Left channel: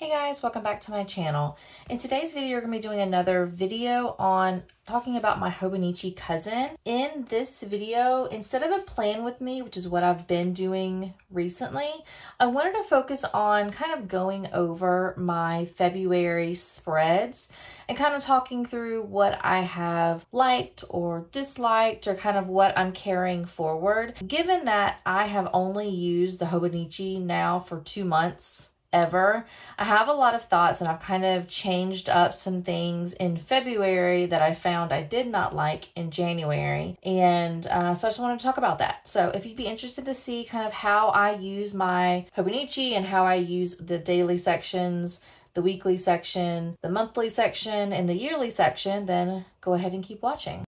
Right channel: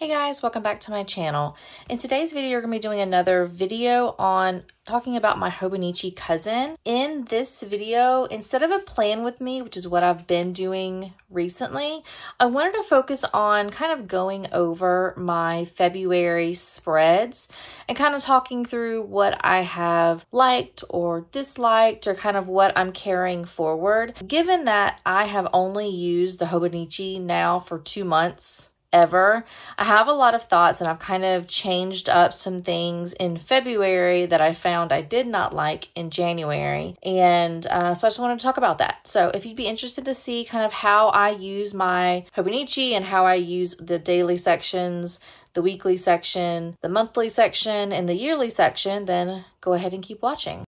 Hey guys, welcome back to my channel. In today's video, we're going to be doing another video on talking about my Hobonichi cousin. In this video, instead of a plan with me, which is what I've been doing recently, I wanted to focus on kind of going over my February spreads and kind of talking through what I have liked or disliked or kind of what I'm carrying forward. Given that I have only used the Hobonichi now for 2 months, ever. I have a lot of thoughts and I've kind of changed up some things in February that I found I did not like in January. And so I just wanted to talk about that. So if you'd be interested to see kind of how I use my Hobonichi and how I use the daily sections, the weekly section, the monthly section, and the yearly section, then go ahead and keep watching.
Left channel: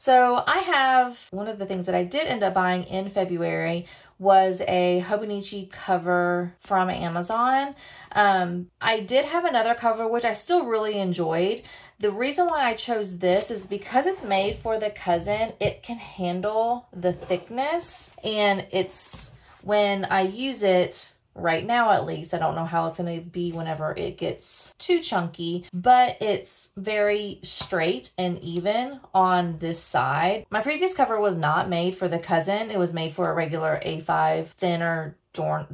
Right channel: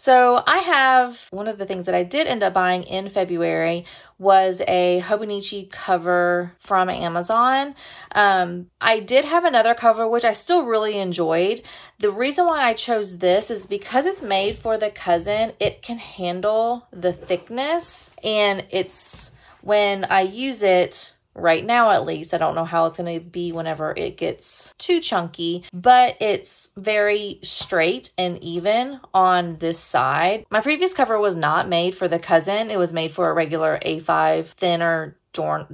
So I have, one of the things that I did end up buying in February was a Hobonichi cover from Amazon. I did have another cover, which I still really enjoyed. The reason why I chose this is because it's made for the cousin. It can handle the thickness, and it's, when I use it, right now at least, I don't know how it's going to be whenever it gets too chunky, but it's very straight and even on this side. My previous cover was not made for the cousin. It was made for a regular A5 thinner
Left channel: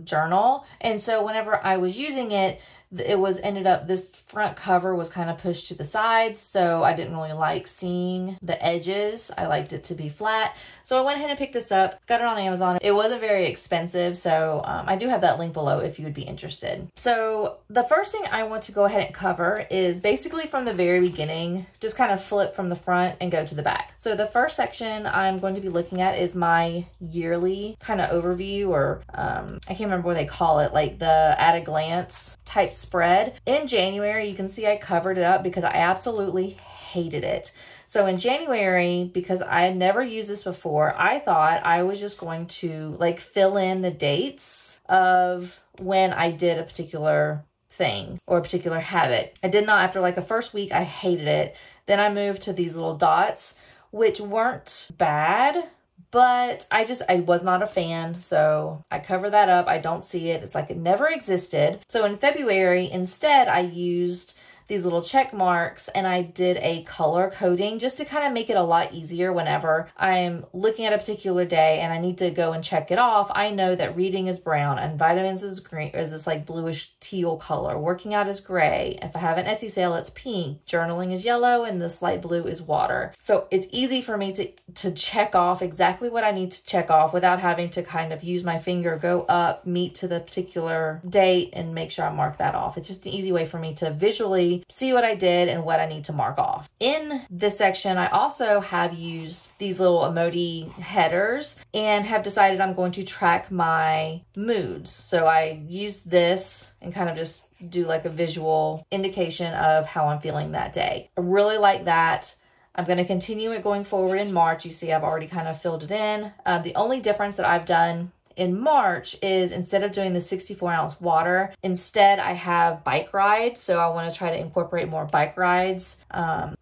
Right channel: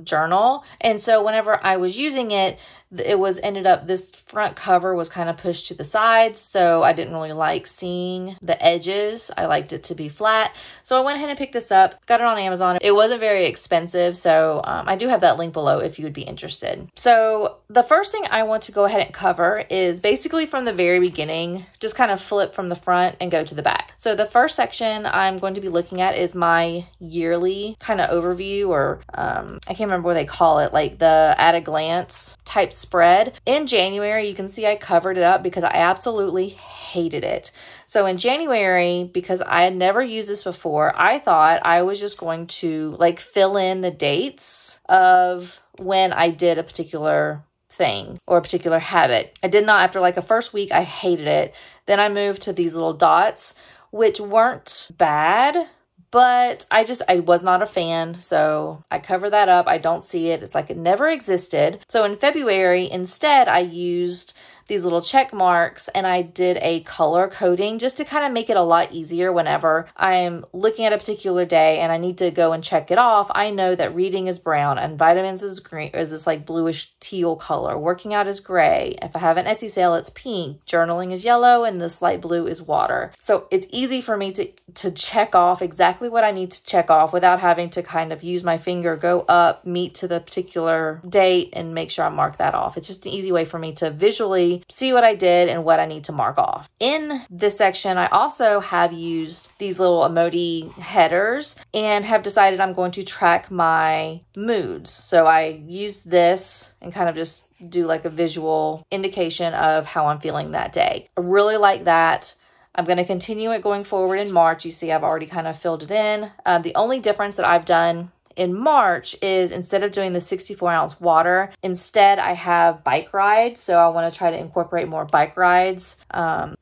journal. And so whenever I was using it, this front cover was kind of pushed to the sides, so I didn't really like seeing the edges. I liked it to be flat. So I went ahead and picked this up, got it on Amazon. It wasn't very expensive, so I do have that link below if you would be interested. So the first thing I want to go ahead and cover is basically from the very beginning, just kind of flip from the front and go to the back. So the first section I'm going to be looking at is my yearly kind of overview, or I can't remember what they call it, like the at a glance type spread. In January, you can see I covered it up because I absolutely hated it. So in January, because I had never used this before, I thought I was just going to like fill in the dates of when I did a particular thing or a particular habit. I did not. After like a first week, I hated it. Then I moved to these little dots, which weren't bad, but I was not a fan. So I cover that up. I don't see it. It's like it never existed. So in February, instead, I used these little check marks and I did a color coding just to kind of make it a lot easier whenever I'm looking at a particular day and I need to go and check it off. I know that reading is brown and vitamins is green, is this like bluish teal color. Working out is gray. If I have an Etsy sale, it's pink. Journaling is yellow, and this light blue is water. So it's easy for me to check off exactly what I need to check off without having to kind of use my finger, go up, meet to the particular date, and make sure I mark that off. It's just an easy way for me to visually see what I did and what I need to mark off. In this section, I also have used these little emoji headers and have decided I'm going to track my moods. So I use this and kind of just do like a visual indication of how I'm feeling that day. I really like that. I'm going to continue it going forward in March. You see, I've already kind of filled it in. The only difference that I've done in March is instead of doing the 64-ounce water, instead I have bike rides. So I want to try to incorporate more bike rides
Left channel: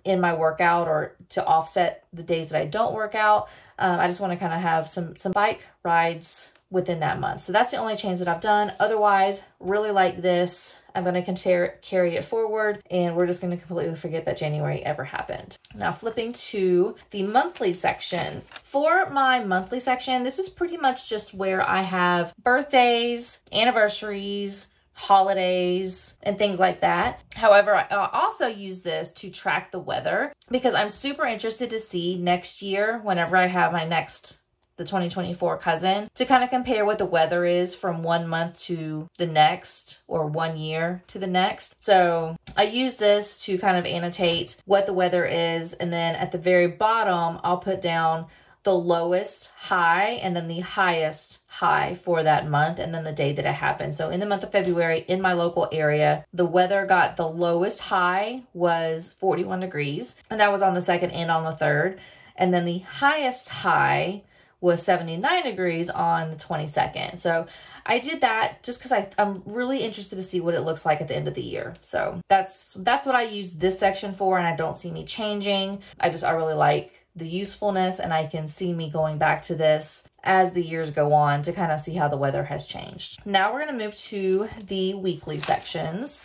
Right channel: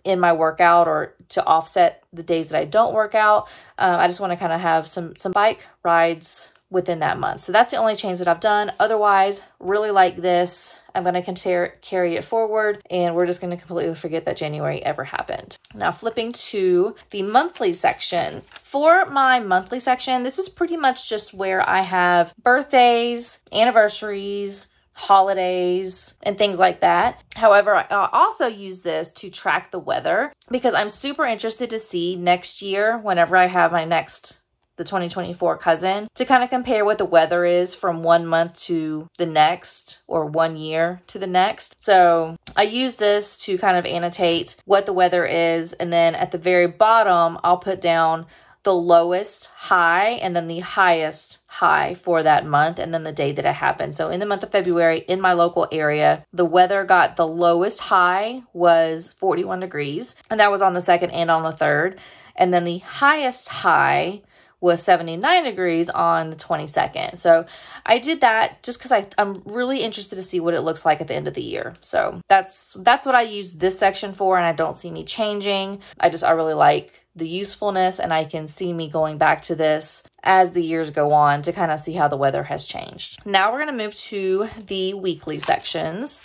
in my workout, or to offset the days that I don't work out. I just want to kind of have some bike rides within that month. So that's the only change that I've done. Otherwise, really like this. I'm going to carry it forward, and we're just going to completely forget that January ever happened. Now flipping to the monthly section. For my monthly section, this is pretty much just where I have birthdays, anniversaries, holidays, and things like that. However, I also use this to track the weather because I'm super interested to see next year, whenever I have the 2024 cousin, to kind of compare what the weather is from 1 month to the next, or 1 year to the next. So I use this to kind of annotate what the weather is. And then at the very bottom, I'll put down the lowest high and then the highest high for that month, and then the day that it happened. So in the month of February, in my local area, the weather got, the lowest high was 41 degrees, and that was on the 2nd and on the 3rd. And then the highest high was 79 degrees on the 22nd. So I did that just because I'm really interested to see what it looks like at the end of the year. So that's what I use this section for, and I don't see me changing. I really like the usefulness, and I can see me going back to this as the years go on to kind of see how the weather has changed. Now we're going to move to the weekly sections,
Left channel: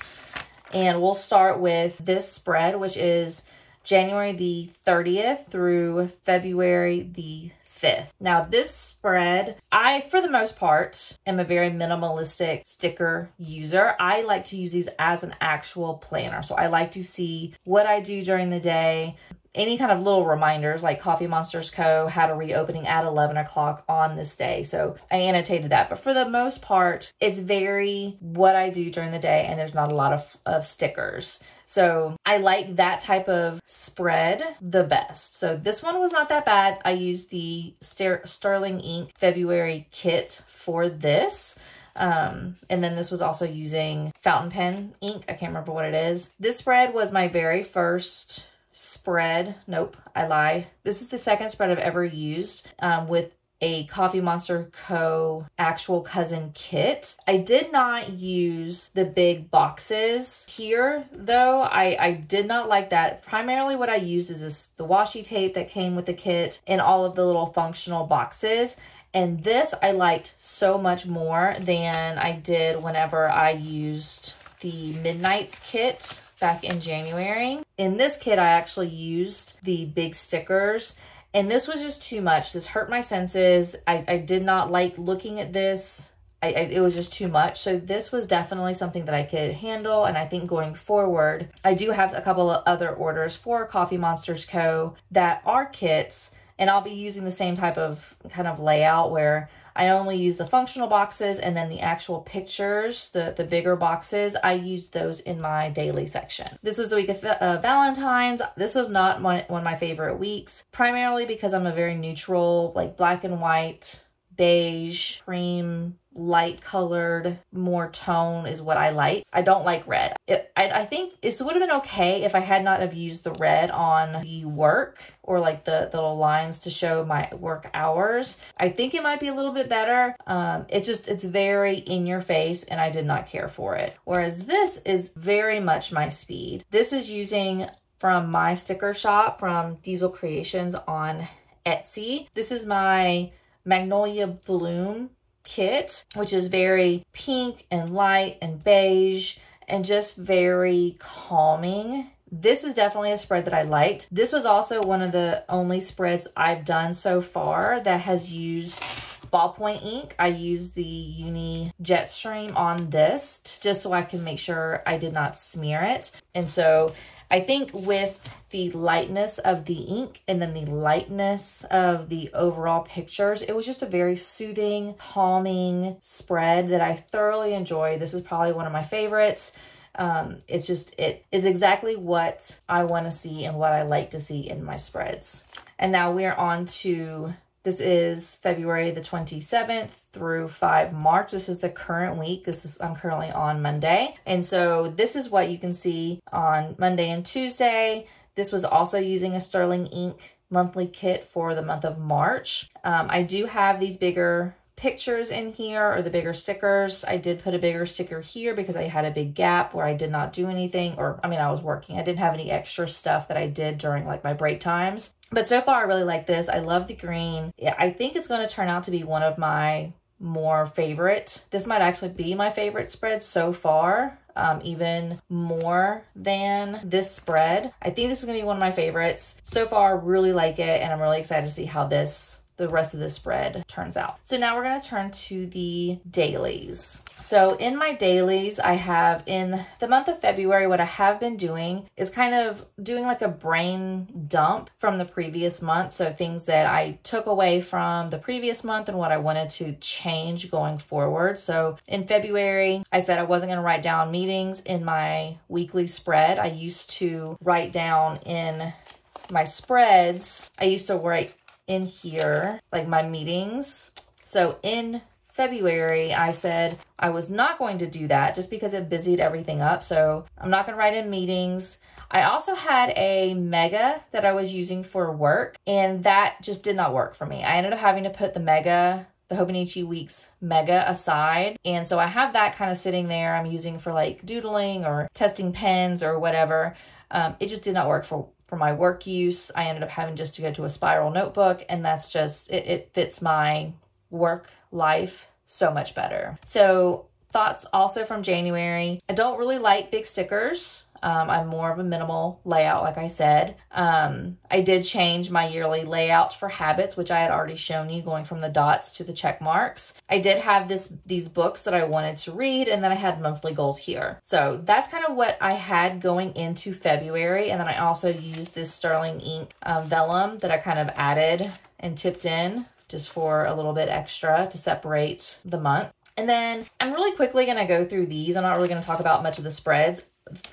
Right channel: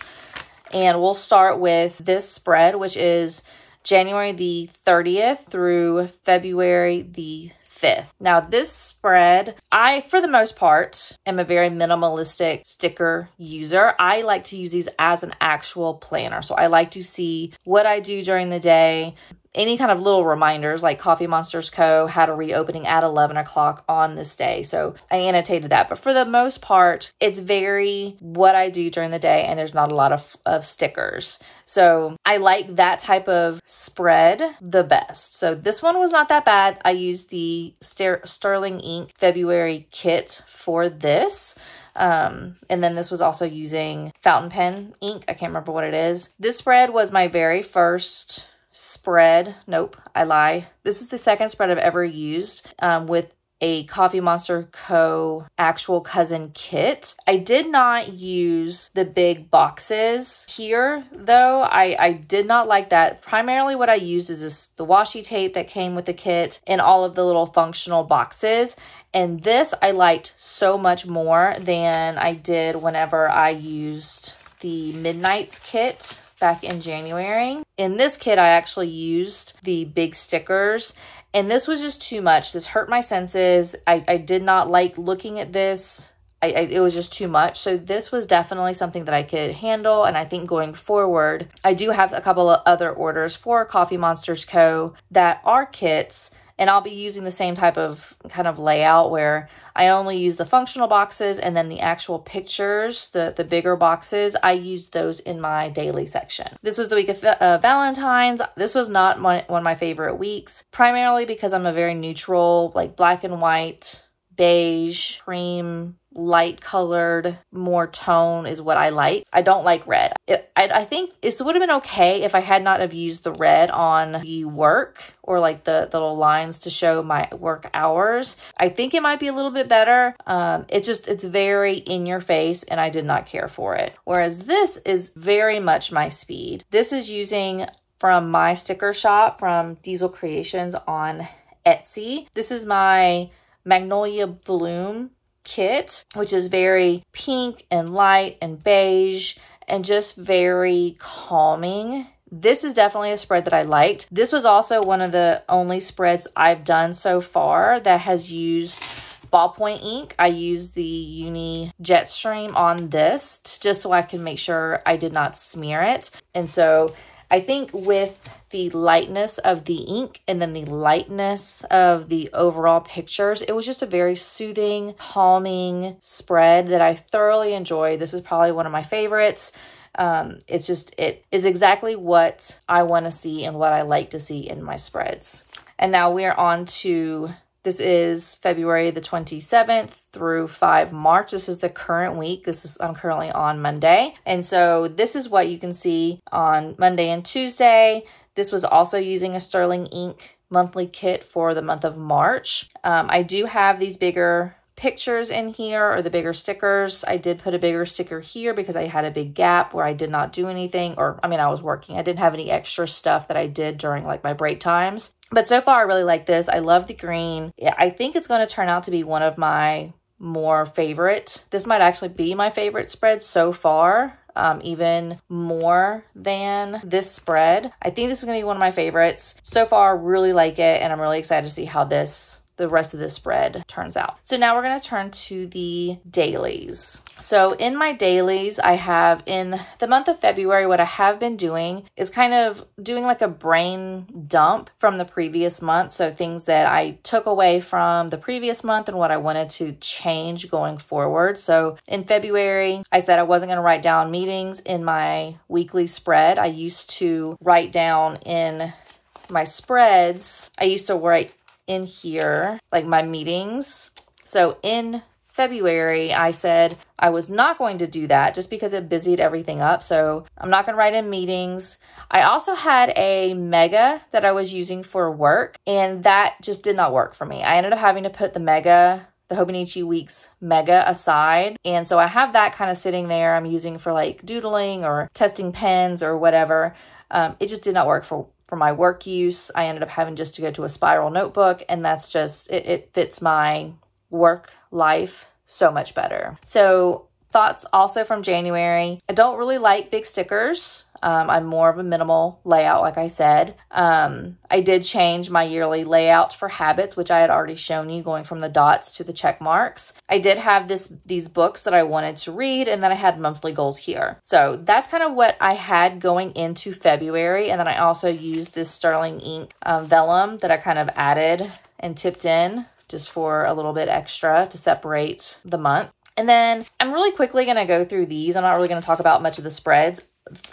and we'll start with this spread, which is January the 30th through February the 5th. Now this spread, I, for the most part, am a very minimalistic sticker user. I like to use these as an actual planner. So I like to see what I do during the day, any kind of little reminders like Coffee Monsters Co. had a reopening at 11 o'clock on this day. So I annotated that. But for the most part, it's very what I do during the day, and there's not a lot of stickers. So I like that type of spread the best. So this one was not that bad. I used the Sterling Ink February kit for this. And then this was also using fountain pen ink. I can't remember what it is. This spread was my very first spread. Nope, I lie. This is the second spread I've ever used with a Coffee Monster Co. actual cousin kit. I did not use the big boxes here though. I did not like that. Primarily what I used is the washi tape that came with the kit and all of the little functional boxes. And this I liked so much more than I did whenever I used the Midnight's kit back in January. In this kit, I actually used the big stickers, and this was just too much. This hurt my senses. I did not like looking at this. It was just too much. So this was definitely something that I could handle. And I think going forward, I do have a couple of other orders for Coffee Monsters Co. that are kits. And I'll be using the same type of kind of layout where I only use the functional boxes, and then the actual pictures, the bigger boxes, I use those in my daily section. This was the week of Valentine's. This was not one of my favorite weeks, primarily because I'm a very neutral, like black and white, beige, cream, light colored, more tone is what I like. I don't like red. I think it would have been okay if I had not have used the red on the work or like the little lines to show my work hours. I think it might be a little bit better. It's very in your face, and I did not care for it. Whereas this is very much my speed. This is using from my sticker shop from Diesel Creations on Etsy. This is my Magnolia Bloom kit, which is very pink and light and beige and just very calming. This is definitely a spread that I liked. This was also one of the only spreads I've done so far that has used ballpoint ink. I used the Uni Jetstream on this just so I can make sure I did not smear it. And so I think with the lightness of the ink and then the lightness of the overall pictures, it was just a very soothing, calming spread that I thoroughly enjoyed. This is probably one of my favorites. It is exactly what I want to see and what I like to see in my spreads. And now we are on to, this is February the 27th through 5 March. This is the current week. I'm currently on Monday. And so this is what you can see on Monday and Tuesday. This was also using a Sterling Ink monthly kit for the month of March. I do have these bigger pictures in here, or the bigger stickers. I did put a bigger sticker here because I had a big gap where I did not do anything, or I mean, I was working. I didn't have any extra stuff that I did during like my break times. But so far I really like this. I love the green. Yeah, I think it's going to turn out to be one of my more favorite. This might actually be my favorite spread so far, even more than this spread. I think this is going to be one of my favorites. So far, really like it, and I'm really excited to see how the rest of this spread turns out. So now we're going to turn to the dailies. So in my dailies, I have in the month of February, what I have been doing is kind of doing like a brain dump from the previous month. So things that I took away from the previous month and what I wanted to change going forward. So in February, I said I wasn't going to write down meetings in my weekly spread. I used to write down in my spreads, I used to write in here, like my meetings. So in February, I said I was not going to do that just because it busied everything up. So I'm not going to write in meetings. I also had a mega that I was using for work, and that just did not work for me. I ended up having to put the Hobonichi Weeks mega aside. And so I have that kind of sitting there. I'm using for like doodling or testing pens or whatever. It just did not work for my work use. I ended up having just to go to a spiral notebook, and that's just, it fits my work life so much better. So thoughts also from January. I don't really like big stickers. I'm more of a minimal layout, like I said. I did change my yearly layout for habits, which I had already shown you, going from the dots to the check marks. I did have these books that I wanted to read, and then I had monthly goals here. So that's kind of what I had going into February. And then I also used this sterling ink vellum that I kind of added and tipped in just for a little bit extra to separate the month. And then I'm really quickly going to go through these. I'm not really going to talk about much of the spreads.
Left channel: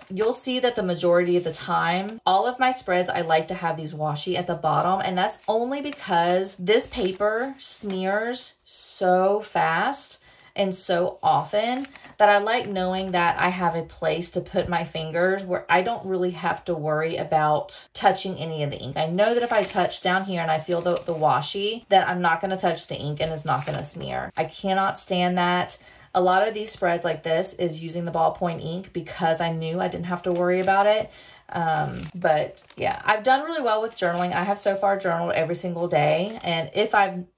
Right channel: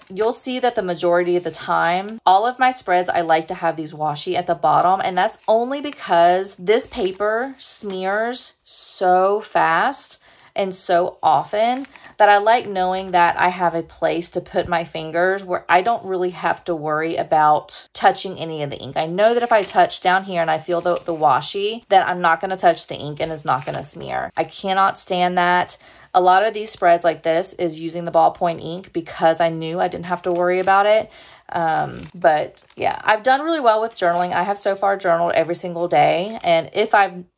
You'll see that the majority of the time, all of my spreads, I like to have these washi at the bottom. And that's only because this paper smears so fast and so often that I like knowing that I have a place to put my fingers where I don't really have to worry about touching any of the ink. I know that if I touch down here and I feel the washi, that I'm not going to touch the ink and it's not going to smear. I cannot stand that. A lot of these spreads like this is using the ballpoint ink because I knew I didn't have to worry about it. But yeah, I've done really well with journaling. I have so far journaled every single day. And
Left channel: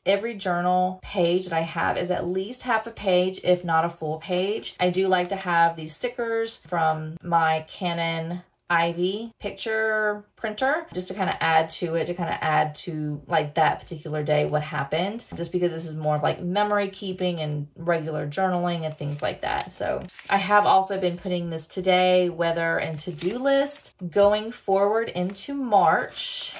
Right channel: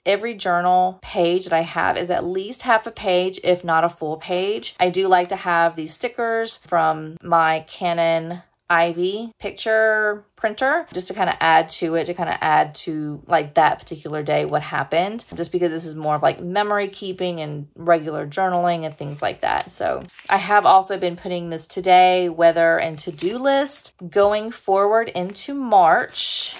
every journal page that I have is at least half a page, if not a full page. I do like to have these stickers from my Canon Ivy picture printer just to kind of add to like that particular day what happened, just because this is more of like memory keeping and regular journaling and things like that. So I have also been putting this today, weather, and to-do list. Going forward into March,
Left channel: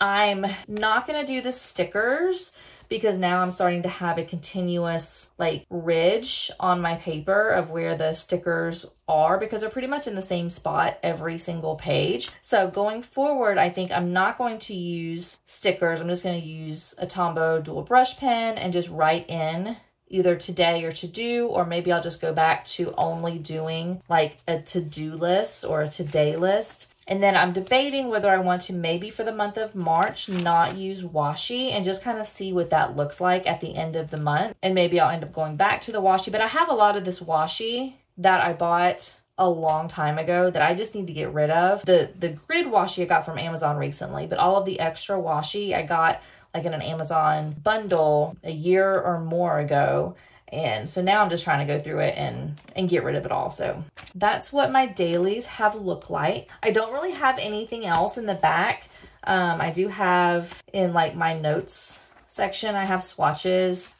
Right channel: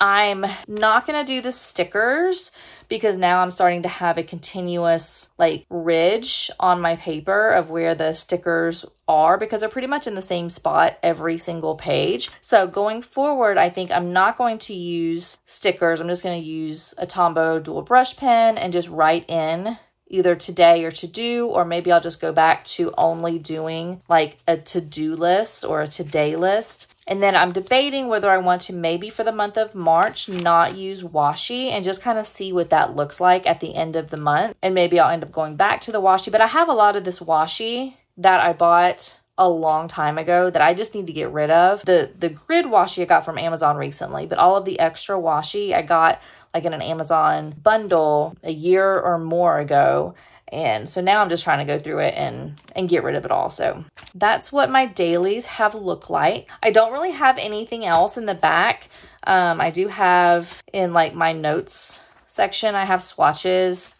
I'm not going to do the stickers because now I'm starting to have a continuous like ridge on my paper of where the stickers are, because they're pretty much in the same spot every single page. So going forward, I think I'm not going to use stickers. I'm just going to use a Tombow dual brush pen and just write in either today or to do, or maybe I'll just go back to only doing like a to-do list or a today list. And then I'm debating whether I want to maybe for the month of March not use washi and just kind of see what that looks like at the end of the month. And maybe I'll end up going back to the washi. But I have a lot of this washi that I bought a long time ago that I just need to get rid of. The grid washi I got from Amazon recently, but all of the extra washi I got like in an Amazon bundle a year or more ago. And so now I'm just trying to go through it and get rid of it all. So that's what my dailies have looked like. I don't really have anything else in the back. I do have in like my notes section, I have swatches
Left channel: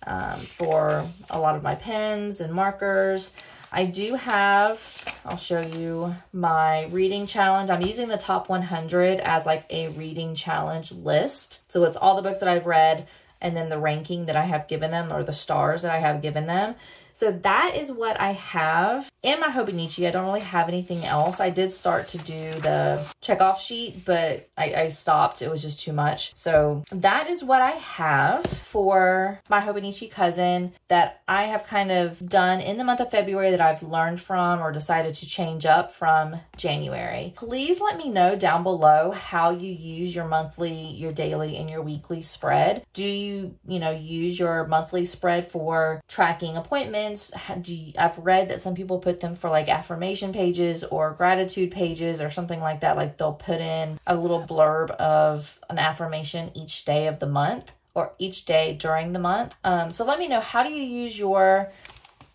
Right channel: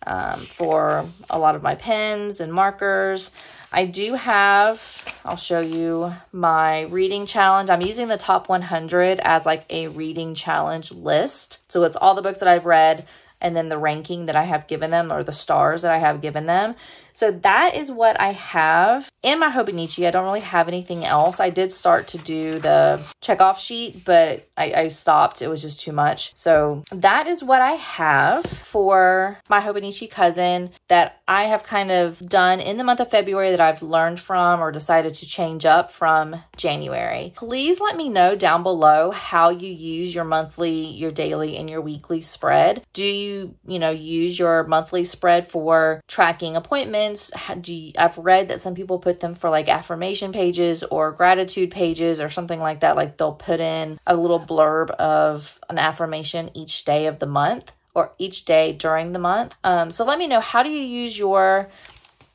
for a lot of my pens and markers. I do have, I'll show you my reading challenge. I'm using the top 100 as like a reading challenge list. So it's all the books that I've read and then the ranking that I have given them, or the stars that I have given them. So that is what I have in my Hobonichi. I don't really have anything else. I did start to do the checkoff sheet, but I stopped. It was just too much. So that is what I have for my Hobonichi cousin that I have kind of done in the month of February that I've learned from or decided to change up from January. Please let me know down below how you use your monthly, your daily, and your weekly spread. Do you use your monthly spread for tracking appointments? I've read that some people put them for like affirmation pages or gratitude pages or something like that. Like they'll put in a little blurb of an affirmation each day of the month or each day during the month. So let me know, how do you use your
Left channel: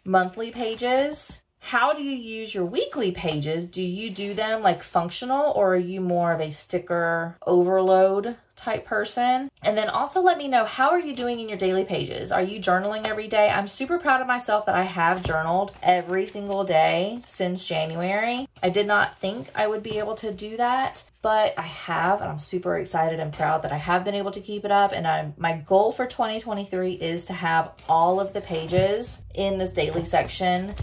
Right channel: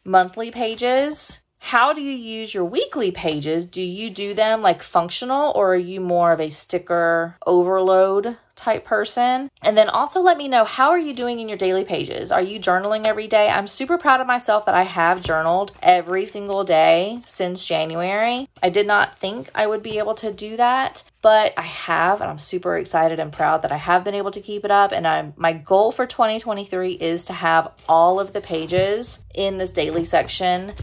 monthly pages? How do you use your weekly pages? Do you do them like functional, or are you more of a sticker overload type person? And then also let me know, how are you doing in your daily pages? Are you journaling every day? I'm super proud of myself that I have journaled every single day since January. I did not think I would be able to do that, but I have, and I'm super excited and proud that I have been able to keep it up. And my goal for 2023 is to have all of the pages in this daily section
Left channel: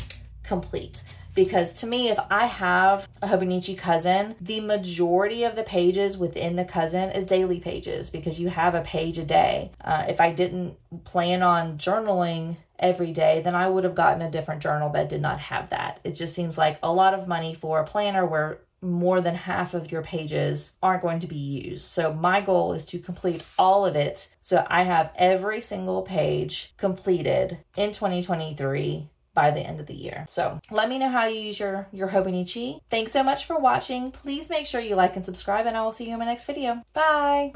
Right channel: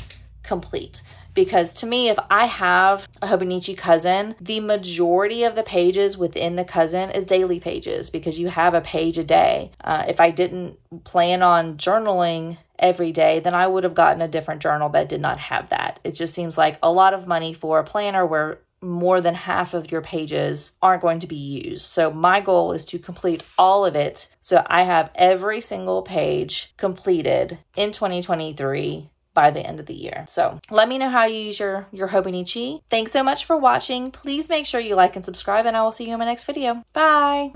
complete. because to me, if I have a Hobonichi cousin, the majority of the pages within the cousin is daily pages because you have a page a day. If I didn't plan on journaling every day, then I would have gotten a different journal that did not have that. It just seems like a lot of money for a planner where more than half of your pages aren't going to be used. So my goal is to complete all of it so I have every single page completed in 2023 by the end of the year. So let me know how you use your Hobonichi. Thanks so much for watching. Please make sure you like and subscribe, and I will see you in my next video. Bye.